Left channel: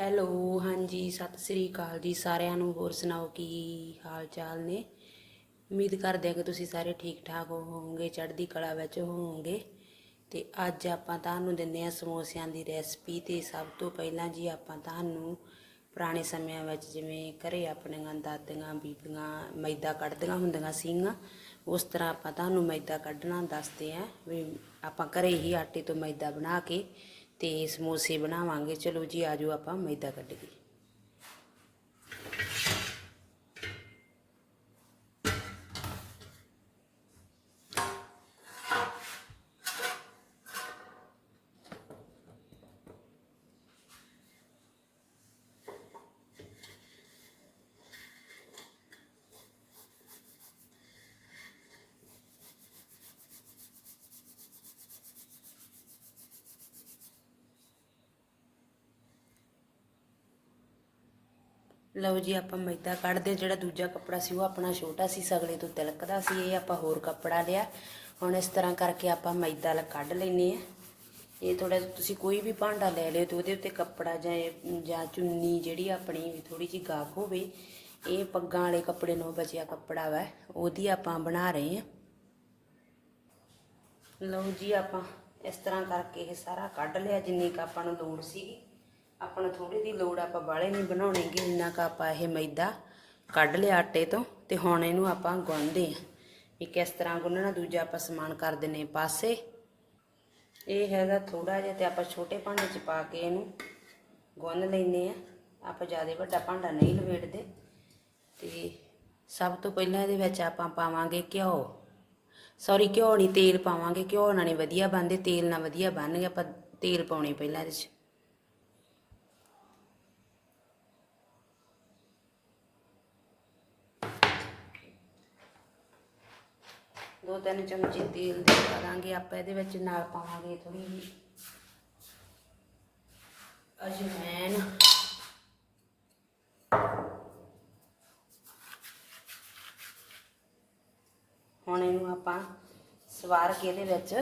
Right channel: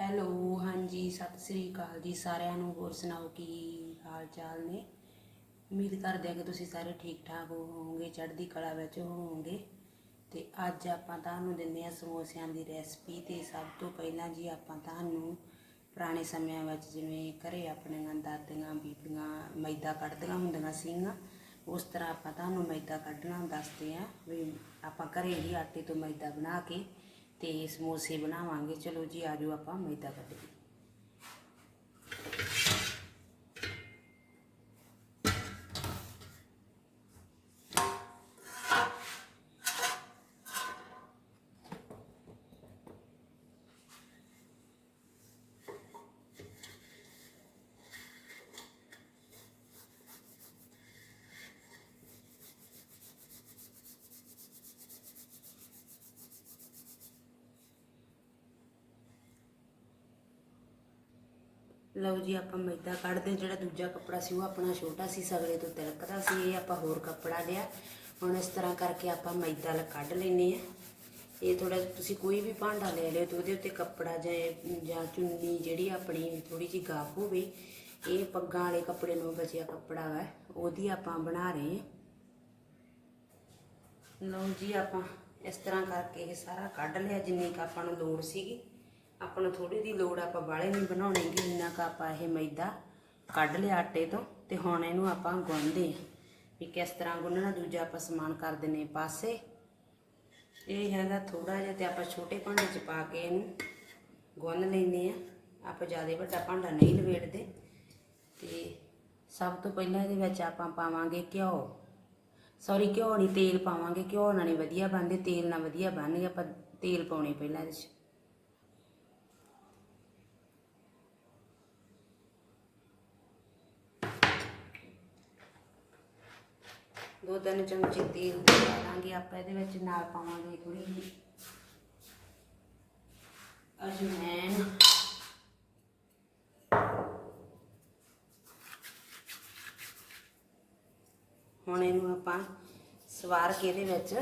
Hello, ਹਾਂਜੀ, ਸਤਿ ਸ੍ਰੀ ਅਕਾਲ ਜੀ ਸਾਰਿਆਂ ਨੂੰ, ਹੋਰ ਸੁਣਾਓ ਕੀ ਹਾਲ ਚਾਲ ਨੇ? ਉਮੀਦ ਕਰਦੇ ਹਾਂ ਕਿ ਤੁਸੀਂ ਸਾਰੇ ਠੀਕ ਠਾਕ ਹੋਵੋਗੇ, ਚੜ੍ਹਦੀ ਕਲਾ ਵਿੱਚ ਹੋਵੋਗੇ। ਤੇ ਅੱਜ ਆਪਾਂ ਤੁਹਾਨੂੰ ਦਿੰਦੇ ਹਾਂ ਸਮੋਸਿਆਂ ਦੀ ਰੈਸਪੀ ਤੇ ਸਭ ਤੋਂ ਪਹਿਲਾਂ ਜੀ ਆਪਾਂ ਤੁਹਾਨੂੰ ਪੁਰਾਣੇ ਸਮਿਆਂ ਵਿੱਚ ਜਿਵੇਂ ਘਰੇ ਆਪਣੀਆਂ ਦਾਦੀਆਂ, ਬੀਬੀਆਂ, ਮੈਦਾ ਕੱਢਦੀਆਂ ਹੁੰਦੀਆਂ ਸੀਗੀਆਂ, ਉਸ ਤਰ੍ਹਾਂ ਆਪਾਂ ਤੁਹਾਨੂੰ ਮੈਦਾ ਕੱਢਣਾ ਦੱਸਦੇ ਆਂ ਵੀ ਆਪਾਂ ਘਰੇ ਹੀ ਆਟੇ ਤੋਂ ਮੈਦਾ ਬਣਾ ਕੇ ਤੇ ਸਮੋਸੇ ਬਣਾਵਾਂਗੇ। ਚਲੋ ਜੀ ਆਜੋ ਆਪਾਂ ਮੈਦਾ ਕੱਢੀਏ ਲਓ ਜੀ, ਆਪਾਂ ਮੈਦਾ ਕੱਢਦੇ ਜਿਹੜਾ ਦੂਜਾ ਕੱਪੜਾ ਸੀ, ਉਹ ਆਪਣਾ ਛੋਟਾ ਸੀ, ਸਗਲੇ ਤੋਂ ਤਿਲਕਦਾ ਸੀ, ਇਹ ਆਪਾਂ ਹੋਰ ਕੱਪੜਾ ਲਿਆ। ਹੁਣ ਇਸ ਤਰ੍ਹਾਂ ਕਰਕੇ ਆਪਾਂ ਮੈਦਾ ਲ ਕੱਢ ਲੈਨੇ ਆ ਇਹ ਥੋੜਾ ਤੁਸੀਂ ਕੋਈ ਵੀ ਭਾਂਡਾ ਲੈ ਲਿਓ ਤੇ ਉਹਦੇ ਉੱਤੇ ਕੱਪੜਾ ਜਾਂ ਜਾਂ ਚੁੰਨੀ ਜਿਹੜੀ ਆਪਣੀ ਵੀ ਥੋੜੀ ਜਿਹੀ ਗਾਫ ਹੋਵੇ, ਇਹ ਪੱਗਾਂ ਵਾਲੇ ਕੱਪੜੇ ਨੂੰ ਬਚਿਆ ਕੱਪੜਾ ਵਾ, ਉਹਦੀ ਆਪਾਂ ਬਣਾ ਰਹੇ ਆ ਲਓ ਜੀ, ਆਪਾਂ ਇਸ ਤਰ੍ਹਾਂ ਕਰਕੇ ਇਹ ਸਾਰਾ ਕੱਢ ਲਿਆ, ਜਿੰਨੀ ਕੁ ਆਪਾਂ ਨੂੰ ਲੋੜ ਸੀਗੀ। ਆਪਾਂ ਨੂੰ ਥੋੜੀ ਦੀ ਲੋੜ ਆਪਾਂ ਬਾਲੇ ਨਹੀਂ ਬਣਾਉਣੇਗੇ ਜਿੰਨਾ ਕੁ ਆਪਾਂ ਇਹ ਮੈਦਾ ਕੱਢ ਲਿਆ ਆਟੇ ਤੋਂ ਤੇ ਹੁਣ ਇਹਨੂੰ ਆਪਾਂ ਗੁੰਨਦੇ ਆ ਵੀ ਕਿਸ ਤਰ੍ਹਾਂ ਗੁੰਨਣਾ, ਦੂਜਾ ਆਪਾਂ ਸਮਾਨ ਕਰ ਦਿੰਨੇ ਪਾਸੇ। ਇਹ ਹੈਗਾ ਥੋੜਾ ਜਿਹਾ ਤੇ ਆਪਾਂ ਛੋਟੇ ਭਾਂਡੇ 'ਚ ਪਾ ਕੇ ਇਹਨੂੰ ਗੁੰਨ ਲੈਨੇ ਆ ਆਪਾਂ ਜ਼ਿਆਦਾ ਵੱਡਾ ਭਾਂਡਾ ਨਹੀਂ ਲਵੇੜਦੇ ਤੇ ਸਭ ਤੋਂ ਪਹਿਲਾਂ ਇਹਦੇ ਵਿੱਚ ਆਪਾਂ ਪਾਵਾਂਗੇ ਘਿਓ। ਸੌਰੀ ਘਿਓ ਨਹੀਂ, ਤੇਲ ਪਾਵਾਂਗੇ। ਘਿਓ ਨਾਲ ਨਹੀਂ ਵਧੀਆ ਬਣਦੇ, ਤੇਲ ਨਾਲ ਵਧੀਆ ਬਣ ਬਣਨਗੇ। ਆਪਾਂ ਤੇਲ ਪਾਉਣੇ ਪਹਿਲਾਂ ਇਹਦੇ 'ਚ। ਦੋ ਤਿੰਨ ਚਮਚੇ ਤੇਲ ਦੇ ਪਾ ਦਾਂਗੇ, ਆਪਾਂ ਇਹਦੇ ਵਿੱਚ ਨਾਲ ਪਾਵਾਂਗੇ ਥੋੜੀ ਜਿਹੀ ਅਜਮੈਨ ਹੁਣ ਇਹਨੂੰ ਆਪਾਂ ਸਵਾਰ ਕੇ ਇਹਦੇ ਵਿੱਚ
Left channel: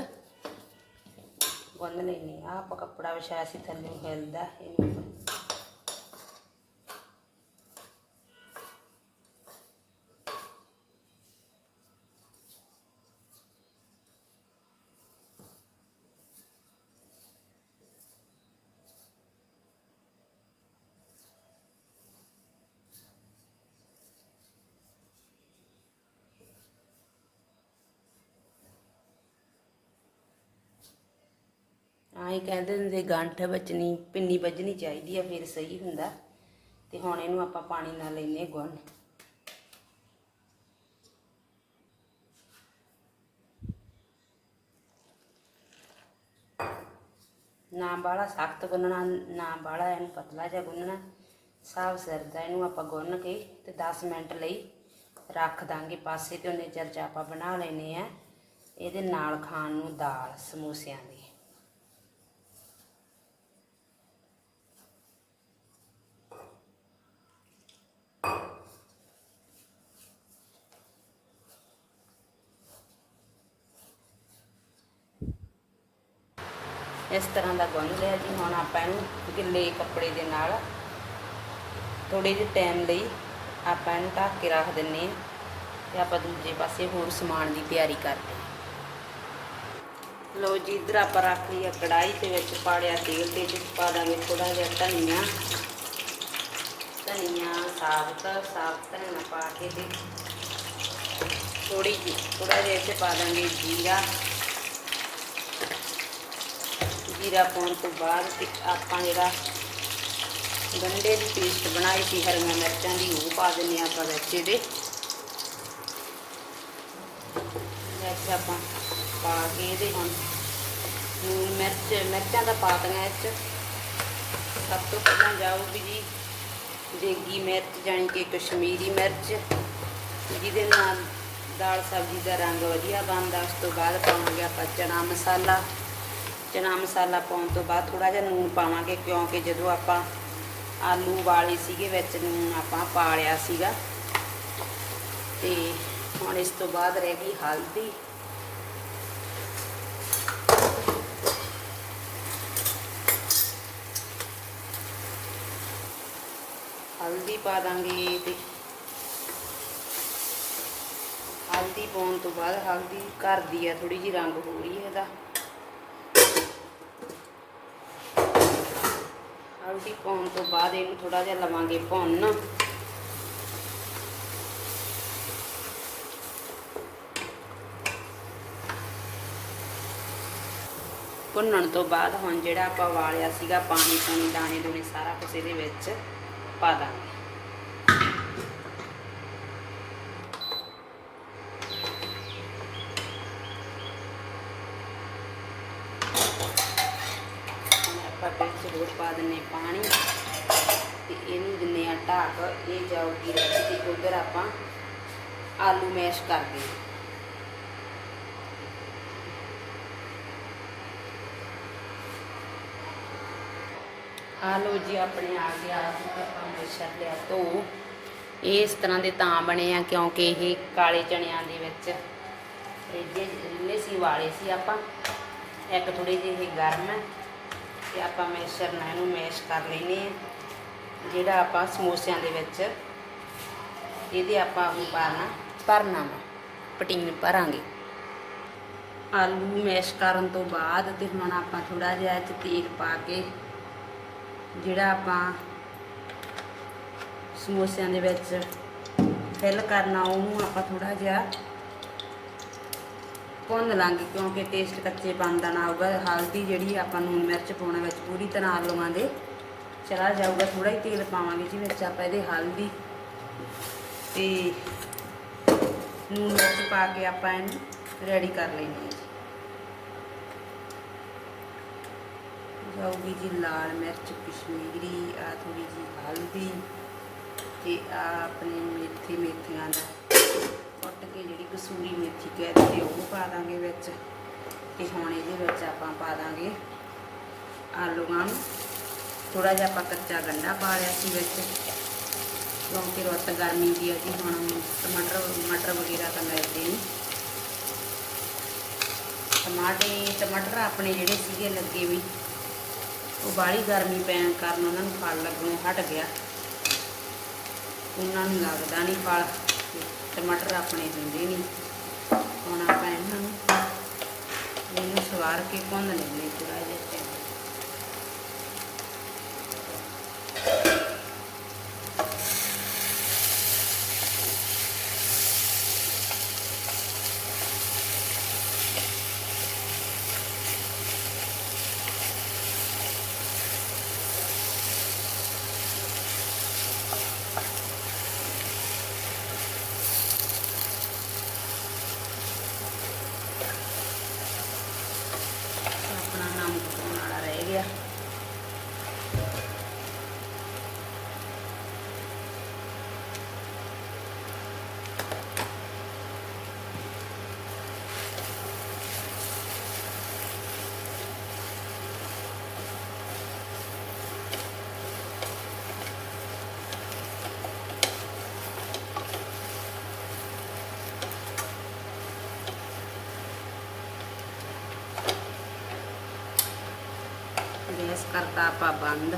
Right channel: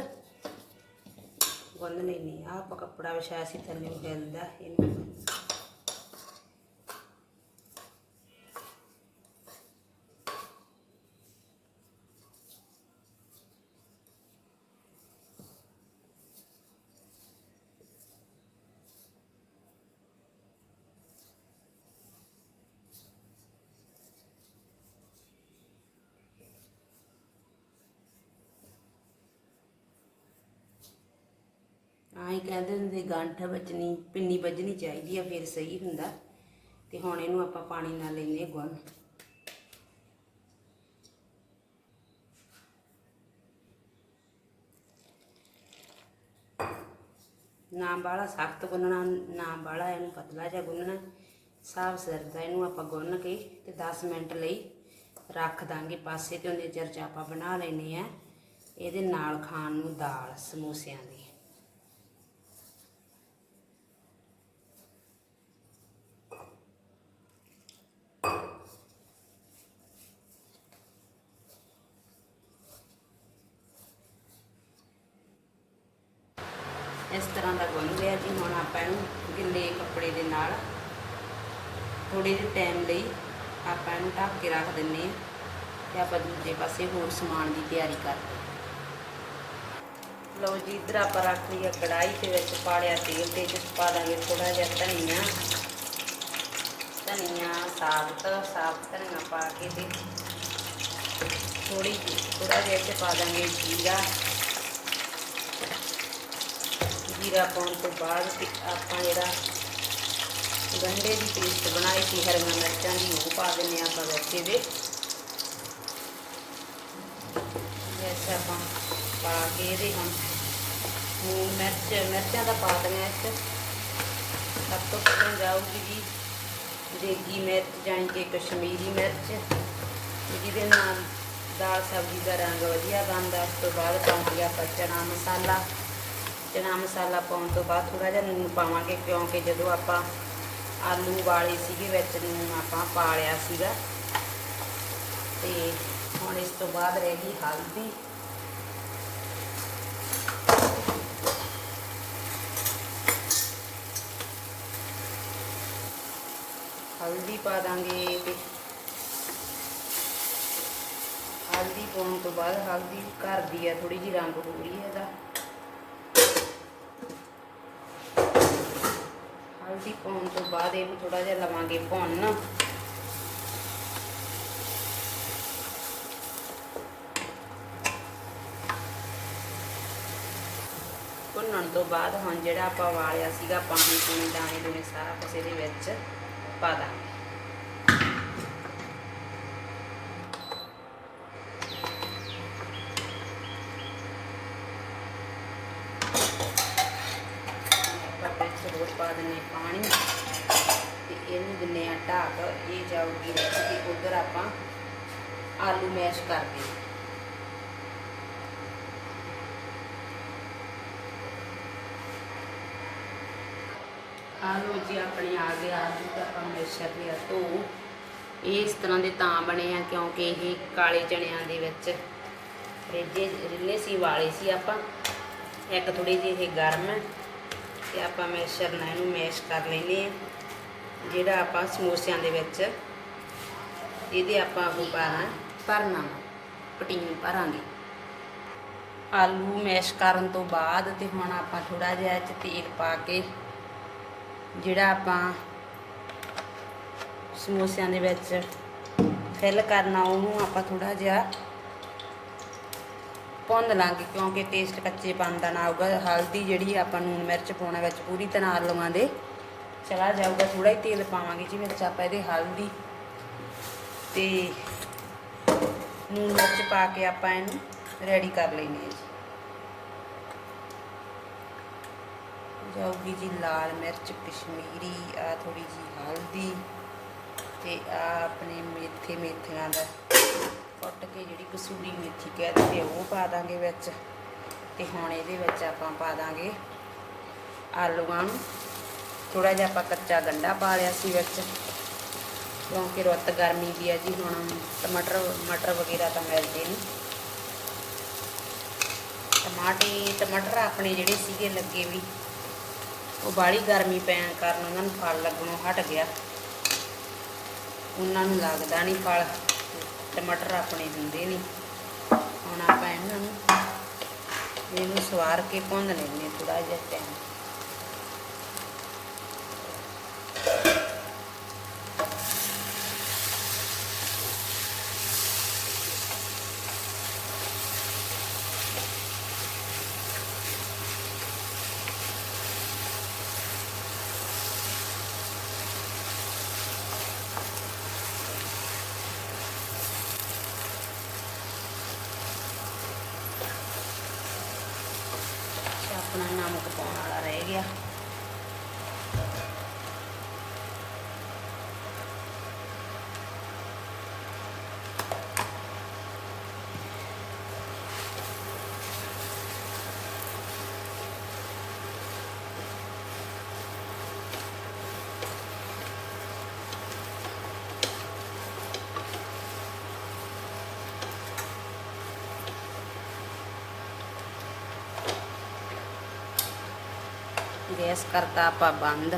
ਗੁੰਨ ਲੈਣੀ ਆ ਆਪਾਂ ਕੱਪੜਾ ਵਿਛਾਇਆ ਸੀ, ਥੱਲੇ ਹਿਲਦਾ, ਇਹਨੂੰ ਆਈ ਕਹਿੰਦੇ ਹੁੰਦੇ ਗੰਠ ਵੱਜਣੀ, ਪਿੰਨੀ ਵੱਜਣੀ ਚਾਹੀਦੀ ਆ, ਫਿਰ ਸਹੀ ਹੁੰਦਾ। ਤੇ ਹੁਣ ਇਹਨੂੰ ਆਪਾਂ ਪਾਣੀ ਨਾਲ ਲੈਨੇ ਗੁੰਨ। ਨਾ ਬਾਹਲਾ ਸਖਤ ਗੁੰਨਣਾ, ਨਾ ਬਾਹਲਾ ਇਹਨੂੰ ਪਤਲਾ ਜਿਹਾ ਗੁੰਨਣਾ। ਸਾਫ਼ ਸਿਰ ਇਹਨੂੰ ਆਪਾਂ ਗੁੰਨ ਕੇ ਤੇ 10 ਮਿੰਟ ਲਈ ਰੱਖ ਦਾਂਗੇ ਪਾਸੇ ਤੇ, ਉਹਨੇ ਚਿਰ ਆਪਾਂ ਬਣਾ ਲੈਨੇ ਆ ਇਹਦੇ ਨਾਲ ਖਾਣ ਨੂੰ ਦਾਲ ਸਮੋਸਿਆਂ ਦੀ। ਇਸ ਤਰ੍ਹਾਂ ਦਾ ਗੁੰਨ ਲਿਆ ਜੀ। ਹੁਣ ਆਪਾਂ ਇਹਨੂੰ ਗਿੱਲੇ ਕੱਪੜੇ ਦੇ ਨਾਲ ਥੋੜੇ ਜਿਹੇ ਟਾਈਮ ਲਈ ਆਪਾਂ ਇਹਨੂੰ ਢੱਕ ਕੇ ਰੱਖ ਦਿੰਨੇ ਆ ਤੇ ਆਪਾਂ ਦੂਜੇ ਪਾਸੇ ਹੋਰ ਸਮਾਨ ਦੀ ਤਿਆਰੀ ਕਰਦੇ ਲਓ ਜੀ, ਇਧਰ ਆਪਾਂ ਰੱਖ ਲਈ ਕੜਾਈ ਦੇ ਵਿੱਚ ਪਾ ਲਿਆ ਤੇਲ ਤੇ ਜਿਸ ਪਾ ਦਾਂਗੇ ਥੋੜਾ ਜਿਹਾ ਧਨੀਆ। ਧਨੀਆ, ਸਾਬਤ ਸਾਬਤ ਧਨੀਆ ਪਾ ਕੇ ਤੇ ਥੋੜੀ ਜਿਹੀ ਥੋੜਾ ਜਿਹਾ ਤੇ ਪਾ ਦਾਂਗੇ ਜੀਰਾ। ਜੀਰਾ ਪਾਉਣ ਤੋਂ ਬਾਅਦ ਆਪਾਂ ਜਿਹੜਾ ਗੰਡੇ ਦੀ ਪੇਸਟ ਬਣਾਈ ਸੀ, ਹਰੀਆਂ ਮਿਰਚਾਂ ਦੀ, ਉਹ ਪਾ ਦਿੰਨੇ ਆਪਾਂ ਵੈਸੇ ਦੇ ਵਿੱਚ ਆਪਾਂ ਪਾ ਕੇ ਇਹਦੇ ਹੁਣ ਨੂਨ ਮਿਰਚ, ਮਿਰਚਾਂ ਦਾ ਪਾ ਦੇਣਾ ਇਸ 'ਚ। ਸਭ ਤੋਂ ਪਹਿਲਾਂ ਜਾਊਗੀ ਜੀ ਦੇਗੀ ਮਿਰਚ, ਜਾਣੀ ਕਿ ਕਸ਼ਮੀਰੀ ਮਿਰਚ। ਜਿਹਦੇ ਨਾਲ ਦਾਲ ਸਬਜ਼ੀ ਦਾ ਰੰਗ ਵਧੀਆ ਬਣਦਾ, ਉਸ ਤੋਂ ਬਾਅਦ ਪਾਵਾਂਗੇ ਆਪਾਂ ਚਨਾ ਮਸਾਲਾ। ਚਨਾ ਮਸਾਲਾ ਪਾਉਣ ਤੋਂ ਬਾਅਦ ਥੋੜਾ ਜਿਹਾ ਨੂਨ ਪਾਵਾਂਗੇ, ਕਿਉਂਕਿ ਜਦੋਂ ਆਪਾਂ ਆਲੂ ਵਾਲੇ ਸੀਗੇ ਵਿੱਚ ਨੂਨ ਆਪਾਂ ਪਾ ਲਿਆ ਸੀਗਾ। ਤੇ ਹੁਣ ਇਸ ਤੋਂ ਬਾਅਦ ਰਹਿ ਗਈ ਹਲਦੀ। ਹਲਦੀ ਪਾ ਦਾਂਗੇ ਤੇ ਹਲਦੀ ਪਾਉਣ ਤੋਂ ਬਾਅਦ ਹਲਦੀ ਘਰ ਦੀ ਆ ਥੋੜੀ ਜੀ ਰੰਗ ਹੋ ਰਹੀ ਹੈ ਇਹਦਾ। ਅਸੀਂ ਪਾਉਣ ਤੋਂ ਬਾਅਦ ਇਹਨੂੰ ਥੋੜਾ ਜਿਹਾ ਲਵਾਂਗੇ ਭੁੰਨ। ਭੁੰਨਣ ਤੋਂ ਬਾਅਦ ਹੁਣ ਜਿਹੜਾ ਆਪਾਂ ਵਾਲਿਆ ਸੀਗਾ ਪਾਣੀ ਪੂਣੀ ਦਾਣੇ ਦੂਣੇ ਸਾਰਾ ਕੁਝ ਇਹਦੇ ਵਿੱਚ ਪਾ ਦਾਂਗੇ ਆਪਾਂ ਵਿੱਚ ਹੋਰ ਪਾ ਦਿੰਨੇ ਪਾਣੀ ਤੇ ਇਹਨੂੰ ਦਿੰਨੇ ਆ ਢਾਕ, ਇਹ ਜਾਊਗੀ ਰੱਖ ਉਧਰ ਆਪਾਂ ਆਲੂ ਮੈਸ਼ ਕਰਦੇ ਹਾਂ। ਆਲੂ ਜੀ ਆਪਣੇ ਆ ਗਿਆ ਆਲੂ ਤਾਂ ਆਪਾਂ ਲਿਆ ਧੋ। ਇਹ ਇਸ ਤਰ੍ਹਾਂ ਦੇ ਤਾਂ ਬਣੇ ਆ ਕਿਉਂਕਿ ਇਹ ਕਾਲੇ ਚਣਿਆਂ ਦੇ ਵਿੱਚ ਰਿੱਝੇ ਰਿੱਲੇ ਸੀ, ਵਾਲੇ ਸੀ ਆਪਾਂ। ਇੱਕ ਥੋੜੀ ਜਿਹੀ ਇਹ ਗਰਮ ਹੈ। ਤੇ ਆਪਾਂ ਮੈਸ਼ਰ ਨਾਲ ਇਹਨੂੰ ਮੈਸ਼ ਕਰ ਲੈਨੇ ਆ ਜਿਹੜਾ ਆਪਾਂ ਸਮੋਸਿਆਂ ਦੇ ਵਿੱਚ ਇਹਦੇ ਆਪਾਂ ਉਹ ਪਾਣਾ ਭਰਨਾ ਪਟੀਨ ਭਰਾਂਗੇ। ਆਲੂ ਮੈਸ਼ ਕਰਨ ਤੋਂ ਬਾਅਦ ਤੇ ਹੁਣ ਆਪਾਂ ਥੋੜਾ ਜਿਹਾ ਇਹ 'ਚ ਤੇਲ ਪਾ ਕੇ ਜਿਹੜਾ ਆਪਾਂ ਸਮੋਸਿਆਂ ਦੇ ਵਿੱਚ ਫਿਲ ਕਰਨਾ ਉਹਨੂੰ ਆਪਾਂ ਥੋੜਾ ਜਿਹਾ ਭੁੰਨ ਲਾਂਗੇ ਕਿਉਂਕਿ ਟੇਸਟ ਕੱਚੇ ਦਾ ਨਾ ਆਊਗਾ ਹਲਦੀ ਜਿਹੜੀ ਆਪਾਂ ਨੂਨ ਮਿਰਚ ਪਾਉਣਾ ਵਿੱਚ ਪੂਰੀ ਤਰ੍ਹਾਂ ਆਲੂਆਂ ਦੇ। ਚਲਾ ਜਾਊਗਾ ਥੋੜਾ ਹੀ ਤੇਲ ਪਾਵਾਂਗੇ ਜੀ ਵਿੱਚ ਆਪਾਂ ਇਹਦੇ ਹਲਦੀ ਤੇ ਨੂਨ ਮਿਰਚ ਪਾ ਕੇ ਆਪਾਂ ਇਹਨੂੰ ਰੈਡੀ ਕਰ ਲੈਣੀ ਹੈ ਜਾਊਗੀ ਜੀ ਲਾਲ ਮਿਰਚ, ਕਸ਼ਮੀਰੀ, ਆ ਥੋੜੀ ਜੀ ਹਲਦੀ ਤੇ ਆ ਆਪਣੇ ਮੇਥੇ ਮੇਥਿਆਂ ਦਾ। ਕਸੂਰੀ ਮੇਥੀ ਕਹਿੰਦੇ ਉਹ ਪਾ ਦਾਂਗੇ ਵਿੱਚ ਤੇ ਹੁਣ ਇਹਦੇ ਵਿੱਚ ਆਪਾਂ ਪਾ ਦਾਂਗੇ ਆਲੂਆਂ ਨੂੰ ਥੋੜਾ ਜਿਹਾ ਆਪਾਂ ਕੱਚਾ ਗੰਡਾ ਪਾ ਲਿਆ ਸੀ ਵਿੱਚ। ਕਿਉਂਕਿ ਰੁੱਤ ਗਰਮੀ ਦੀ ਆ ਜੀ, ਹੁਣ ਟਮਾਟਰ ਮਟਰ ਵਗੈਰਾ ਤਾਂ ਮਿਲਦੇ ਨਹੀਂ। ਟਮਾਟਰ ਟਮਾਟਰ ਆਪਣੇ ਜਿਹੜੇ ਸੀਗੇ ਲੱਗੇ ਵੀ, ਉਹ ਬਾਹਲੀ ਗਰਮੀ ਪੈਣ ਕਾਰਨ ਉਹਨਾਂ ਨੂੰ ਫਲ ਲੱਗਣੋਂ ਹਟ ਗਿਆ। ਉਹਨਾਂ ਨੂੰ ਲੱਗਦਾ ਨਹੀਂ ਫਲ। ਟਮਾਟਰ ਆਪਣੇ ਦਿੰਦੇ ਨਹੀਂ। ਹੁਣ ਆਪਾਂ ਇਹਨਾਂ ਨੂੰ, ਇਹਨੂੰ ਸਵਾਰ ਕੇ ਭੁੰਨ ਲੈਂਦੇ ਥੋੜਾ ਜਿਹਾ ਟਾਈਮ ਆਪਣਾ ਨਮਕ ਪਾਉਣ ਵਾਲਾ ਰਹਿ ਗਿਆ ਗੈਸ ਕਰਤਾ ਆਪਾਂ ਬੰਦ,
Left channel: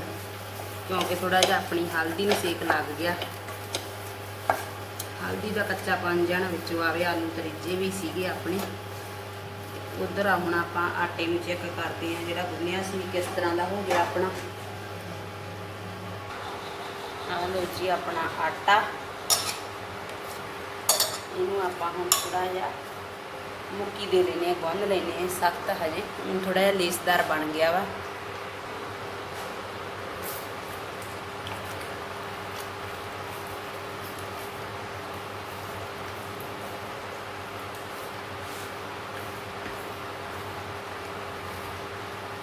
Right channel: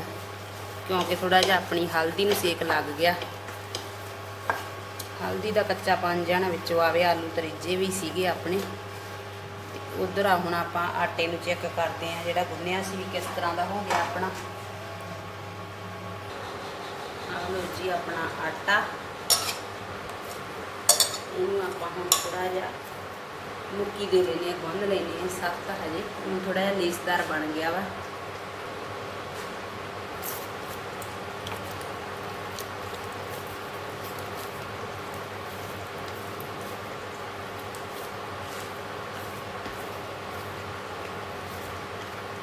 ਕਿਉਂਕਿ ਥੋੜਾ ਜਿਹਾ ਆਪਣੀ ਹਲਦੀ ਨੂੰ ਸੇਕ ਲੱਗ ਗਿਆ। ਹਲਦੀ ਦਾ ਕੱਚਾ ਜਾਣਾ ਵਿੱਚ ਆਵੇ, ਆਲੂ ਤਰੀਜੇ ਵੀ ਸੀਗੇ ਆਪਣੇ। ਉਧਰ ਆ ਹੁਣ ਆਪਾਂ ਆਟੇ ਨੂੰ ਚੈੱਕ ਕਰਦੇ ਆ ਜਿਹੜਾ ਗੁੰਨਿਆ ਸੀ ਕਿਸ ਤਰ੍ਹਾਂ ਦਾ ਹੋ ਗਿਆ ਆਪਣਾ। ਆਹ ਲਓ ਜੀ ਆਪਣਾ ਆਟਾ। ਇਹਨੂੰ ਆਪਾਂ ਹੁਣ ਥੋੜਾ ਜਿਹਾ ਮੁੱਕੀ ਦੇ ਲੈਨੇ ਆ, ਗੁੰਨ ਲੈਨੇ ਆ ਸਖਤ ਹਜੇ। ਹੁਣ ਥੋੜਾ ਜਿਹਾ ਲੇਸਦਾਰ ਬਣ ਗਿਆ ਵਾ।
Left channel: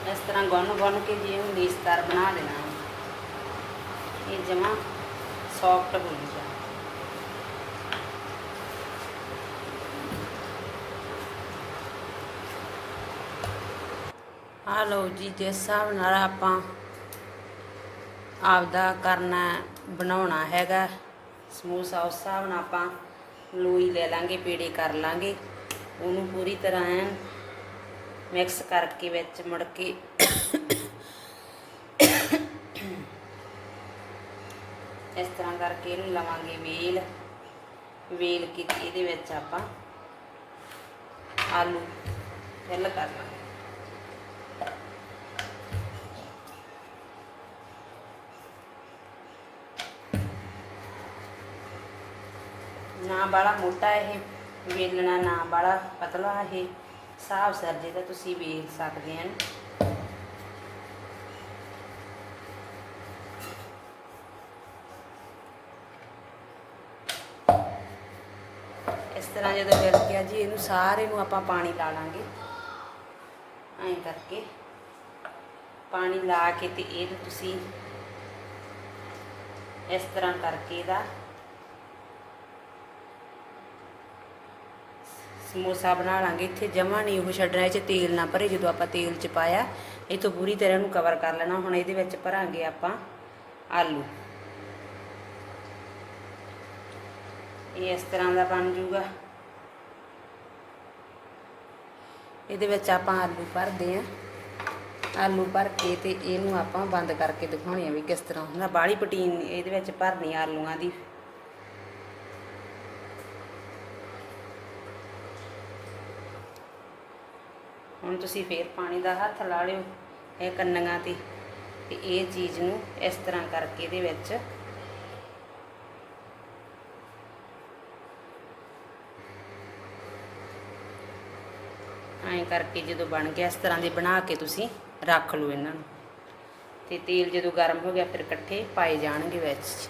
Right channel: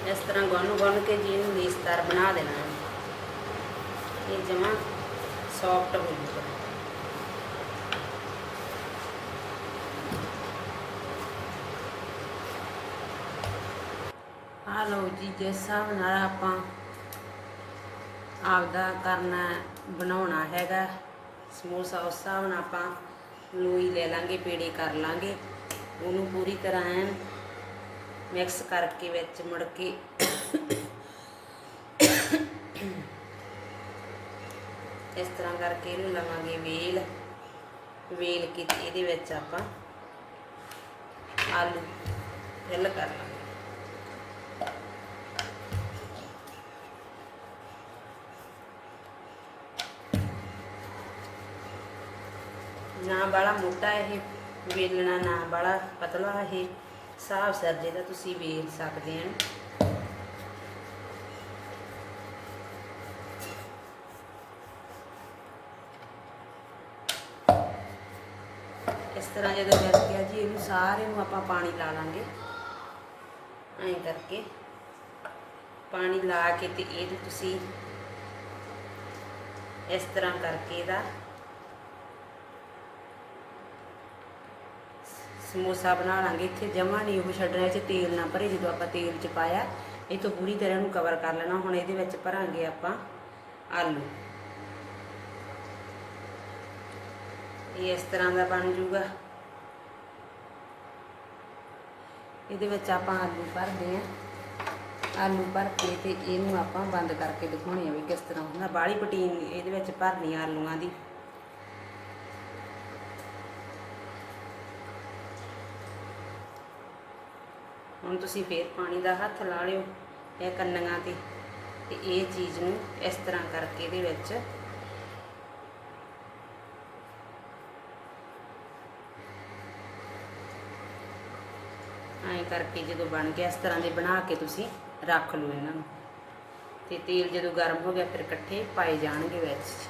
ਇਸ ਤਰ੍ਹਾਂ ਗੁੰਨ ਗੁੰਨ ਕੇ ਜੀ ਇਹਨੂੰ ਲੇਸਦਾਰ ਬਣਾ ਦੇਣਾ ਹੈ ਇਹ ਜਮਾ ਸੌਫਟ ਹੋ ਜਾਊਗਾ ਆ ਲਓ ਜੀ ਜਿਸ ਹਿਸਾਬ ਨਾਲ ਆਪਾਂ ਆਪਦਾ ਕਰਨਾ ਬਣਾਉਣਾ ਹੈਗਾ ਸਮੋਸਾ ਉਸ ਹਿਸਾਬ ਨਾਲ ਆਪਾਂ ਲੋਈ ਲੈ ਲਾਂਗੇ ਪੇੜੇ ਕਰ ਲਾਂਗੇ ਉਹਨੂੰ ਪੂਰੀ ਤਰ੍ਹਾਂ ਐਨ ਮਿਕਸ ਕਰਕੇ ਵਿੱਚ ਮੁੜ ਕੇ ਇਸ ਤਰ੍ਹਾਂ ਕਰਕੇ ਇਹਨੂੰ ਲਵਾਂਗੇ ਵੇਲ। ਵੇਲ ਕੇ ਇਹਦੇ ਵਿੱਚ ਆਪਾਂ ਆਲੂ। ਫਿਲ ਕਰ ਲਾਂਗੇ। ਨਾ ਬੜਾ ਮੋਟਾ ਇਹ, ਵੇਲਣਾ ਨਾ ਬੜਾ ਪਤਲਾ ਇਹ। ਸਾਫ਼ ਸਰਜੇ ਦਾ ਤੁਸੀਂ ਵੇਲ ਸਕਦੇ ਹਨ ਇਸ ਤਰ੍ਹਾਂ ਜਦੋਂ ਮਿਲ ਗਿਆ ਜੀ, ਇਹਨੂੰ ਸਾਰੇ ਨੂੰ ਆਪਾਂ ਪਾਣੀ ਲਾ ਲਾਂਗੇ। ਐਂ ਕਰਕੇ ਪਾਣੀ ਲਾ ਕੇ ਤੇ ਇਹ ਤੁਸੀਂ ਇਸ ਤਰ੍ਹਾਂ ਕਰਕੇ ਇਹਦਾ ਸਮੋਸਾ ਬਣਾ ਲਾਂਗੇ। ਇੱਥੇ ਜਮਾ ਨਹੀਂ ਉਹ ਛੱਡਣਾ ਇਹ ਚ ਤੇਲ ਨਾ ਭਰੇ, ਜਦੋਂ ਆਪਾਂ ਤੇਲ ਚ ਪਾਇਆ ਇਹ ਤੋਂ ਪੂਰੀ ਤਰ੍ਹਾਂ ਨੂੰ ਕਵਰ ਕਰ ਲੈਣਾ। ਹੁਣ ਇਹਦੇ ਵਿੱਚ ਭਰਾਂਗੇ ਆਪਾਂ ਆਲੂ। ਇਹ ਇਸ ਤਰ੍ਹਾਂ ਦਾ ਬਣ ਜੂਗਾ ਇਹਦੇ ਵਿੱਚ ਆਪਾਂ ਆਲੂ ਭਰਦੇ ਆ ਆਲੂ ਭਰ ਕੇ ਤੇ ਇਹਨੂੰ ਆਪਾਂ ਬੰਦ ਕਰਕੇ ਦਿਖਾਉਣੇ ਆ ਵੀ ਕਿਸ ਤਰ੍ਹਾਂ ਹੁੰਦਾ। ਬਾਹਲੀ ਪਟੀਨ ਇਹਦੇ ਵਿੱਚ ਭਰਨੀ ਆਲੂਆਂ ਦੀ। ਤੁਸੀਂ ਫੇਰ ਪਾਣੀ ਦਾ ਹੱਥ ਲਾ ਲਿਓ ਇਹ ਕੰਨੀਆਂ ਤੇ ਤੇ ਇਹ ਚੀਜ਼ ਨੂੰ ਇਸ ਤਰ੍ਹਾਂ ਕਰਕੇ ਇਹਦੇ ਵਿੱਚ ਐਂ ਕਰਕੇ ਜਦੋਂ ਬਣ ਗਿਆ ਇਸ ਤਰ੍ਹਾਂ ਦੇ ਬਣਾ ਕੇ ਤੁਸੀਂ ਰੱਖ ਲਓ ਇਹਨਾਂ ਨੂੰ। ਤੇ ਤੇਲ ਜਦੋਂ ਗਰਮ ਹੋ ਗਿਆ ਫਿਰ ਇਕੱਠੇ ਪਾਏ ਜਾਣਗੇ ਵਿੱਚ।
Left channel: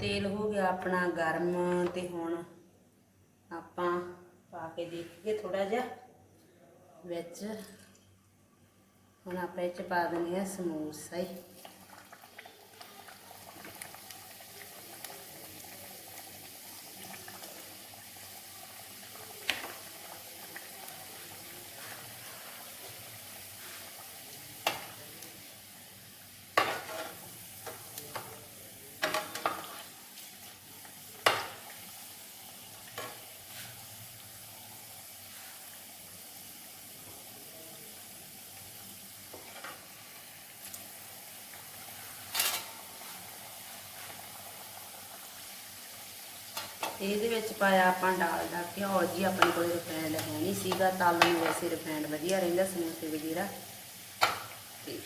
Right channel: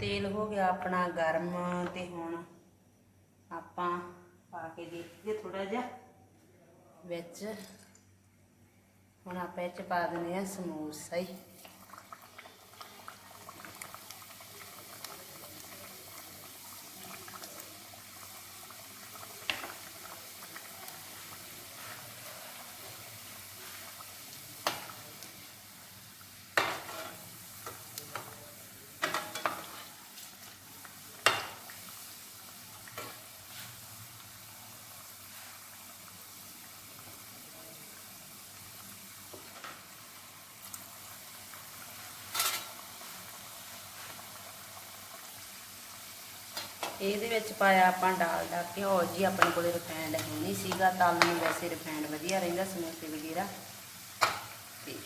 ਤੇਲ ਹੋ ਗਿਆ ਆਪਣਾ ਗਰਮ ਤੇ ਹੁਣ ਆਪਾਂ ਪਾ ਕੇ ਦੇਖੀਏ ਥੋੜਾ ਜਿਹਾ। ਵਿੱਚ ਹੁਣ ਆਪਾਂ ਇਹ ਚ ਪਾ ਦਿੰਦੇ ਆ ਸਮੋਸਾ ਹੀ। ਇਹਦੇ ਵਿੱਚ ਪਾਇਆ ਆਪਾਂ ਡਾਲਡਾ ਘਿਓ ਜੀ ਆਪਣੇ ਕੋਲੇ ਰਿਫਾਈਂਡ ਹੈ ਨਹੀਂ ਸੀਗਾ, ਤਾਲੂ ਨੂੰ ਵੈਸੇ ਰਿਫਾਈਂਡ ਵਧੀਆ ਰਹਿੰਦਾ, ਸਮੋਸੇ ਵਗੈਰਾ। ਤੇ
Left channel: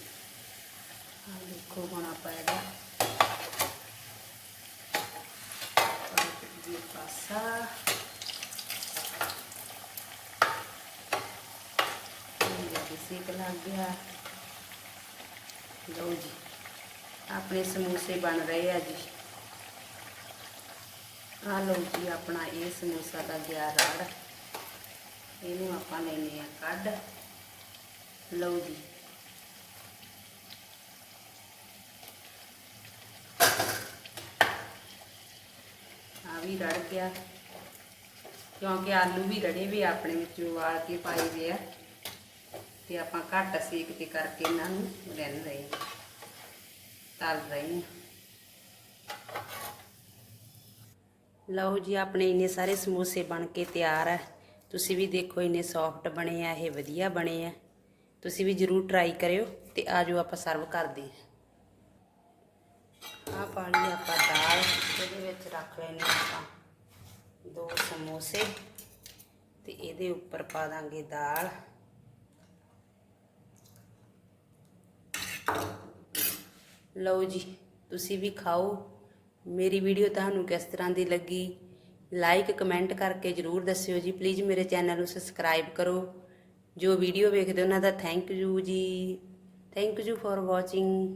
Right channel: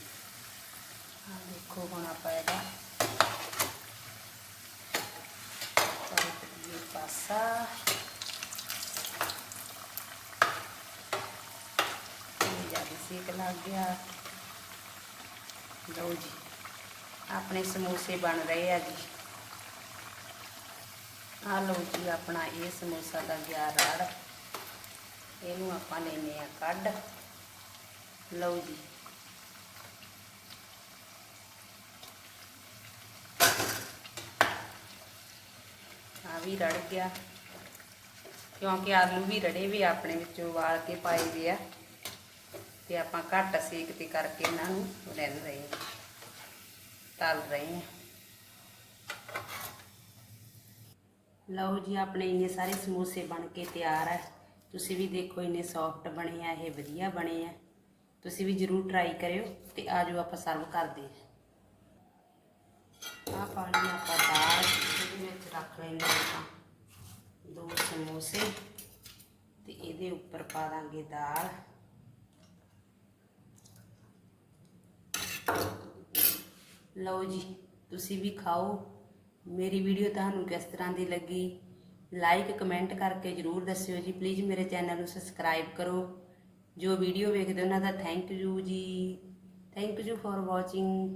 ਆ ਦੇਖੋ ਹੁਣ ਆਪਾਂ ਇਹਦਾ। ਪਾਸਾ। ਸੇਕ ਲੱਗ ਗਿਆ। ਲਓ ਜੀ, ਆਪਣੇ ਸਮੋਸੇ ਬਣ ਰਹੇ ਆ ਜੀ। ਆ ਲਓ ਜੀ, ਆਪਣਾ ਇਹ ਸਮੋਸਾ ਦਾ ਗਿਆ ਰੜ। ਇਹਨੂੰ ਆਪਾਂ ਲੈਨੇ ਆ ਕੱਢ। ਲਓ ਜੀ। ਆ ਵੀ ਰੜ ਗਿਆ। ਕਿਉਂਕਿ ਆਲੂ ਵੀ ਰੜੇ ਵੀ ਆਪਣੇ ਵਿੱਚੋਂ ਵਾਲ ਕੇ ਪਾਏ ਦੇ ਆ। ਤੇ ਆਪਾਂ ਘੱਟ ਸੇਕ ਤੇ ਕਰਕੇ ਇਹਨਾਂ ਨੂੰ ਲੈਣ ਰਹੇ ਤਲ ਰਹੇ ਹਾਂ। ਲਓ ਜੀ, ਆਪਣੇ ਇੰਨੇ ਸਾਰੇ ਸਮੋਸੇ ਬਣ ਕੇ ਤਿਆਰ ਹੈ ਤੁਸੀਂ ਵੀ ਦੇਖੋ, ਇੰਨੇ ਸੌਫਟ ਬਣੇ ਆ, ਇਹ ਵਧੀਆ ਬਣੇ ਆ। ਤੁਸੀਂ ਵੀ ਜਰੂਰ ਟਰਾਈ ਕਰਿਓ ਤੇ ਆਜੋ ਆਪਾਂ ਸਰਵ ਕਰਦੇ ਆ। ਪਾਣੀ ਆਪਾਂ ਦਾਲ, ਇਹਦੇ ਵਿੱਚ ਰੱਖ ਲੈਣੇ ਆਪਾਂ ਦੋ ਸਮੋਸੇ ਤੇ ਇਹਦੇ ਉੱਪਰ ਪਾ ਦਾਂਗੇ ਦਾਲ। ਲਓ ਜੀ, ਤੁਸੀਂ ਵੀ ਖਾਓ। ਮੇਰੀ ਵੀਡੀਓ ਤੁਹਾਨੂੰ ਕਿਸ ਤਰ੍ਹਾਂ ਦੀ ਲੱਗੀ? ਲਾਈਕ ਕਮੈਂਟ ਕਰਕੇ ਜਰੂਰ ਦੱਸਿਓ ਜੀ। ਪਲੀਜ਼ ਮੇਰੇ ਚੈਨਲ ਨੂੰ ਸਬਸਕ੍ਰਾਈਬ ਕਰੋ। ਜੋ ਵੀਡੀਓ ਵੇਖਦੇ ਉਹਨਾਂ ਦਾ ਥੈਂਕ ਯੂ ਜੀ। Thank you for watching